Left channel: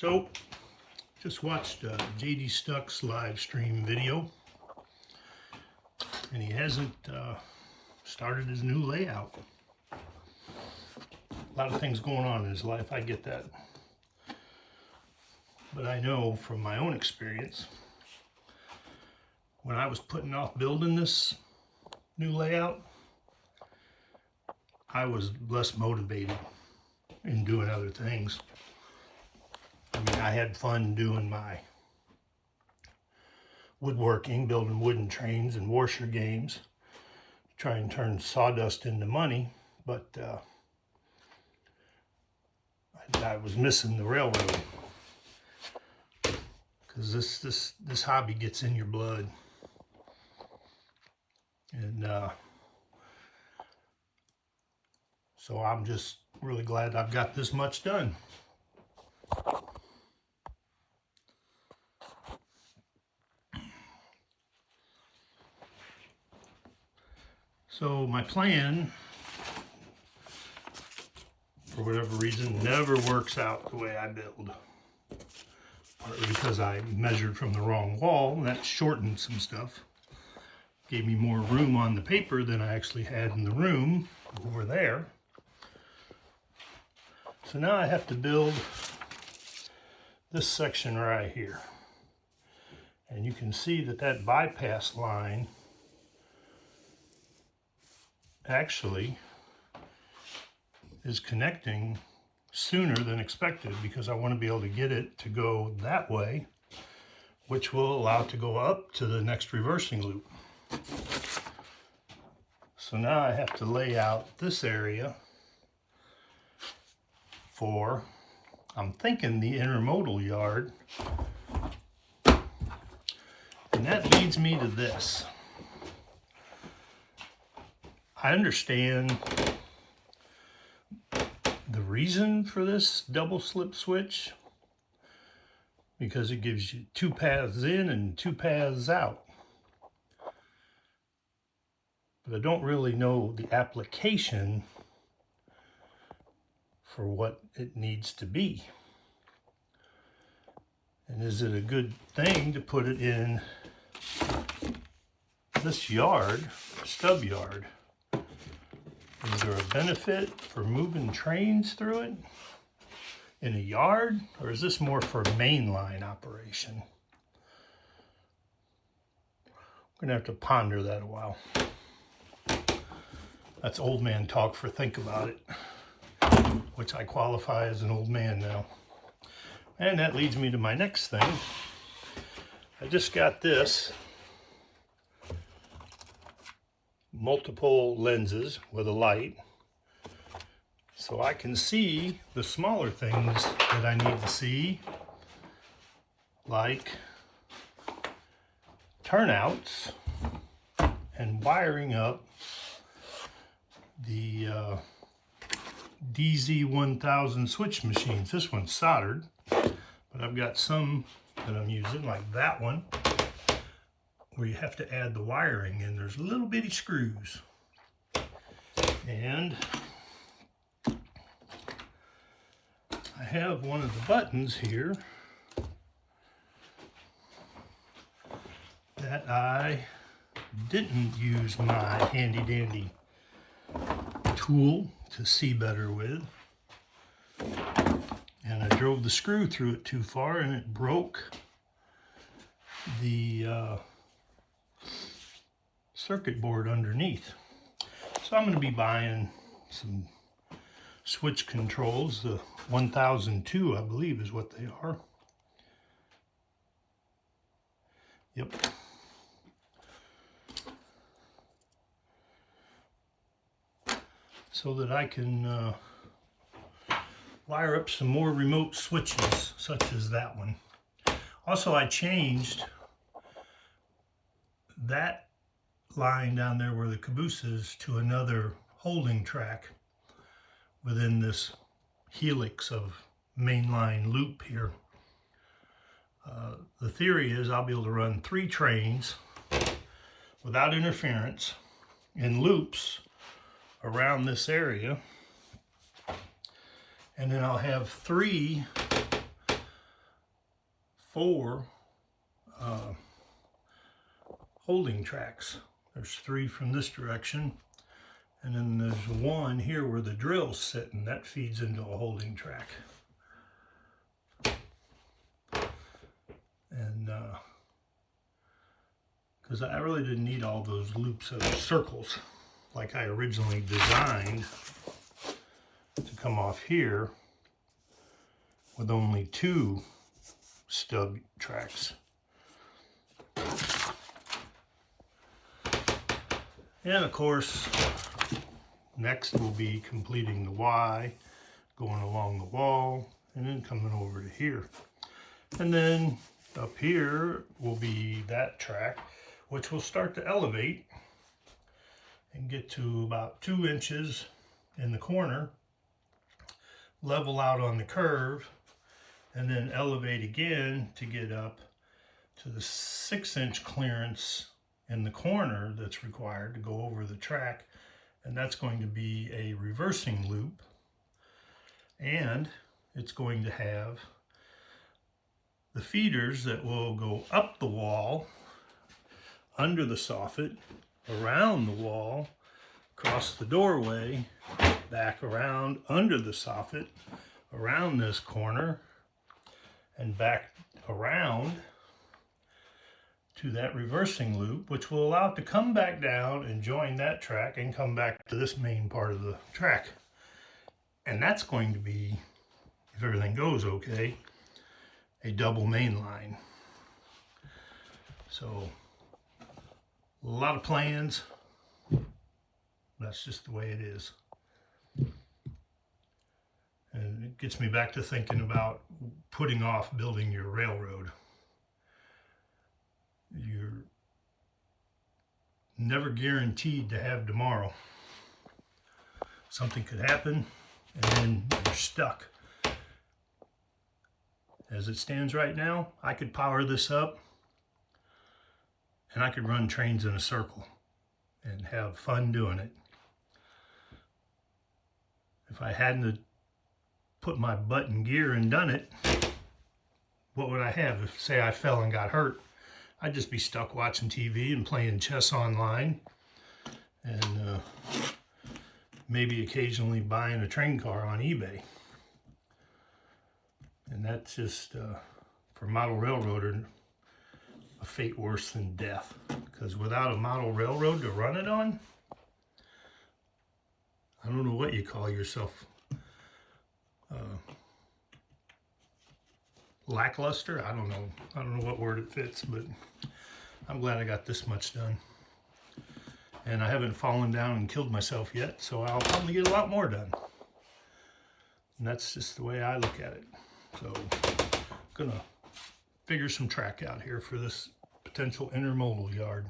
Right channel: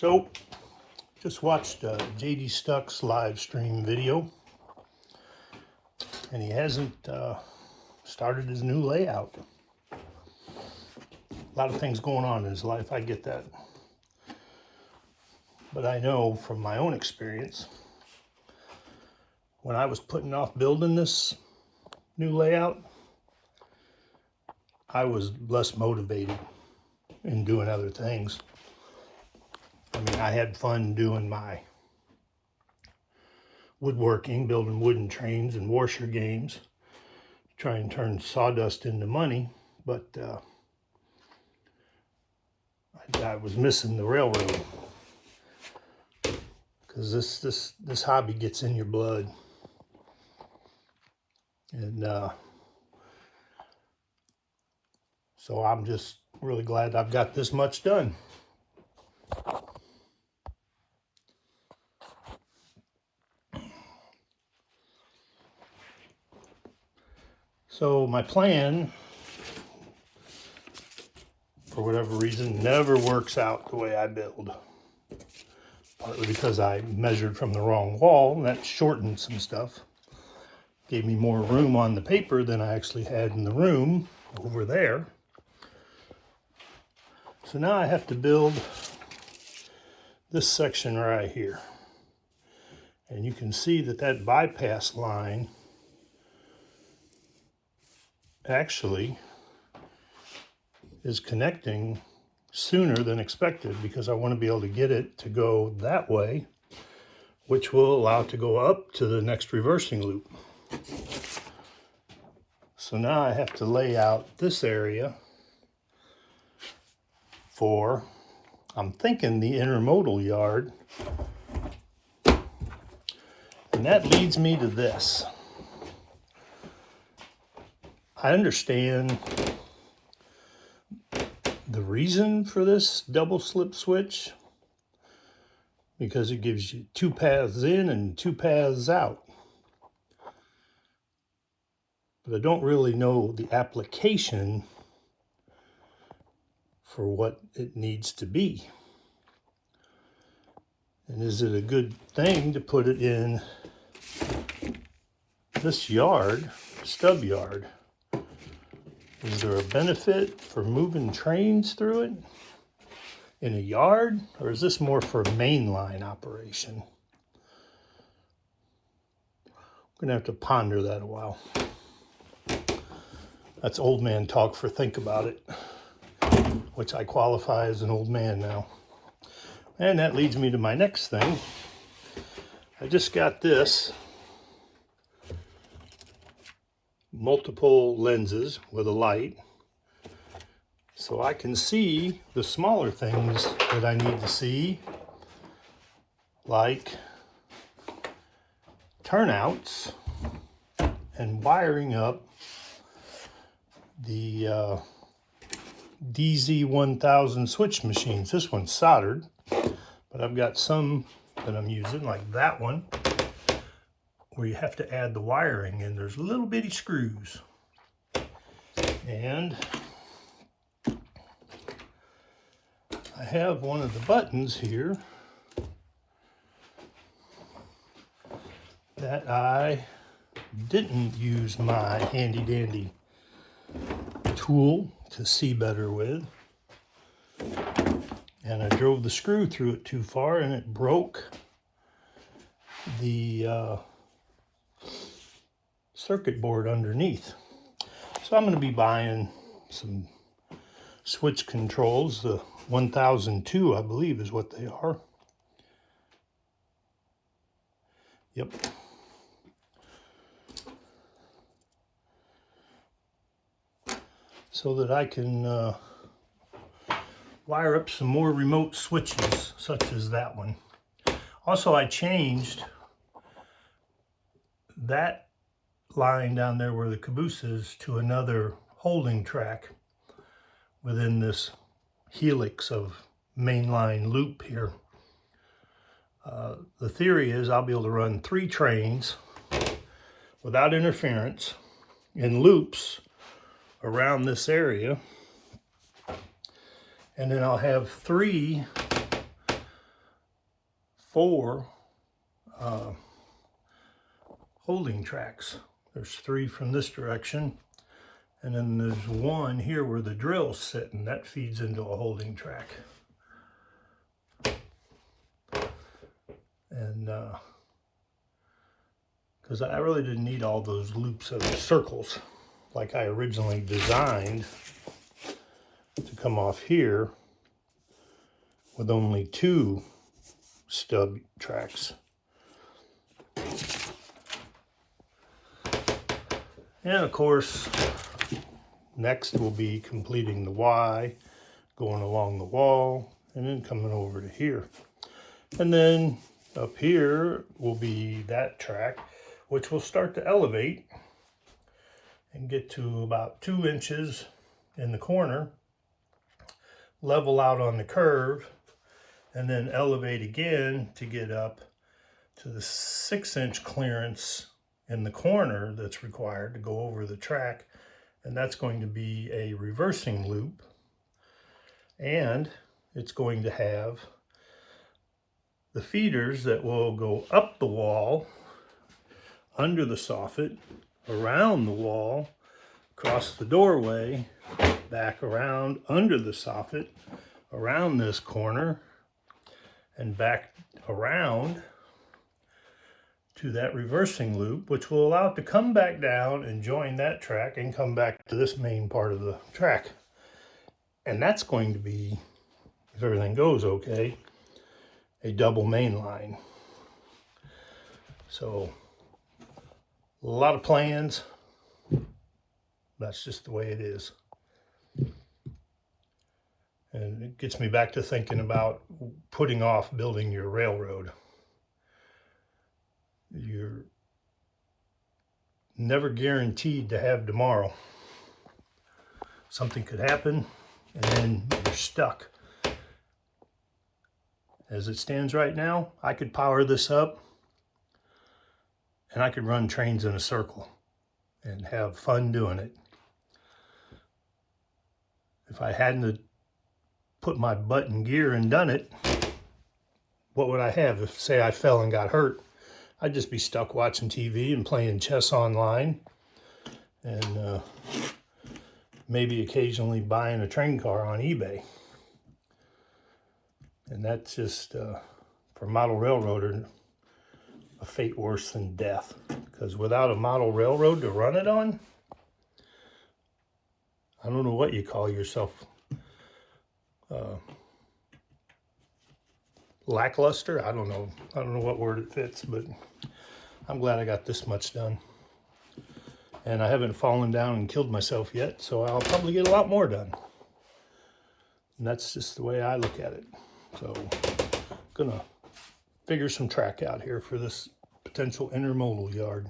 So, just watched JD Stuck's live stream video, and he hasn't started his new layout. A lot of things going on in his life, I get that. But I know from my own experience, when I was putting off building this new layout, I was less motivated in doing other things. I mean, I had fun doing my woodworking, building wooden trains and washer games, try and turn sawdust into money, but I was missing the railroad, because this hobby gets in your blood, and so I'm just really glad I've got this much done. So my plan, for whatever reason, never works out the way I build. Partly because I measured from the wrong wall, and that shortened some stuff. Gave me more room on the paper than I actually had in the room over there. So now I have to build this section right here. And you can see that that bypass line actually is connecting sooner than expected, because I want to be able to get it to go that way, which will allow it to go up to the next reversing loop. So now I have to lay out this area for, I'm thinking, the intermodal yard. And that leads me to this. I understand the reason for this double slip switch, because it gives you two paths in and two paths out. But I don't really know the application for what it needs to be. And is it a good thing to put it in this yard, stub yard? Is there a benefit for moving trains through it in a yard, or is this more for mainline operation? I'm gonna have to ponder that a while. That's old man talk for think about it, which I qualify as an old man now. And that leads me to my next thing. I just got this multiple lenses with a light, so I can see the smaller things that I need to see, like turnouts and wiring up the DZ1000 switch machines. This one's soldered, but I've got some that I'm using, like that one, where you have to add the wiring, and there's little bitty screws. And I have one of the buttons here that I didn't use my handy dandy tool to see better with, and I drove the screw through it too far, and it broke the circuit board underneath. So I'm going to be buying some switch controls. The 1002, I believe, is what they are. Yep. So that I can wire up some more remote switches, such as that one. Also, I changed that line down there where the caboose is to another holding track within this helix of mainline loop here. The theory is I'll be able to run 3 trains without interference in loops around this area, and then I'll have 3 4 holding tracks. There's 3 from this direction, and then there's 1 here where the drill's sitting. That feeds into a holding track. And because I really didn't need all those loops of circles like I originally designed to come off here with only 2 stub tracks. And of course, next will be completing the Y, going along the wall, and then coming over to here. And then up here will be that track, which will start to elevate and get to about 2 inches in the corner, level out on the curve, and then elevate again to get up to the 6-inch clearance in the corner that's required to go over the track. And that's going to be a reversing loop, and it's going to have the feeders that will go up the wall, under the soffit, around the wall, across the doorway, back around under the soffit, around this corner, and back around to that reversing loop, which will allow it to come back down and join that track and come back to this main part of the track. And that's going to be, if everything goes okay, a double main line. So a lot of plans. That's just the way it is. And it gets me back to thinking about putting off building your railroad. You're never guaranteed to have tomorrow. Something could happen and then you're stuck. As it stands right now, I could power this up and I could run trains in a circle and have fun doing it. If I hadn't put my butt in gear and done it, what would I have? If, say, I fell and got hurt, I'd just be stuck watching TV and playing chess online, and maybe occasionally buying a train car on eBay. And that's just, for a model railroader, a fate worse than death. Because without a model railroad to run it on, I don't know what you call yourself. Lackluster? I don't know what word it fits, but I'm glad I got this much done. And I haven't fallen down and killed myself yet, so I'll probably get a lot more done. And that's just the way I look at it. So I'm gonna figure some track out here for this potential intermodal yard.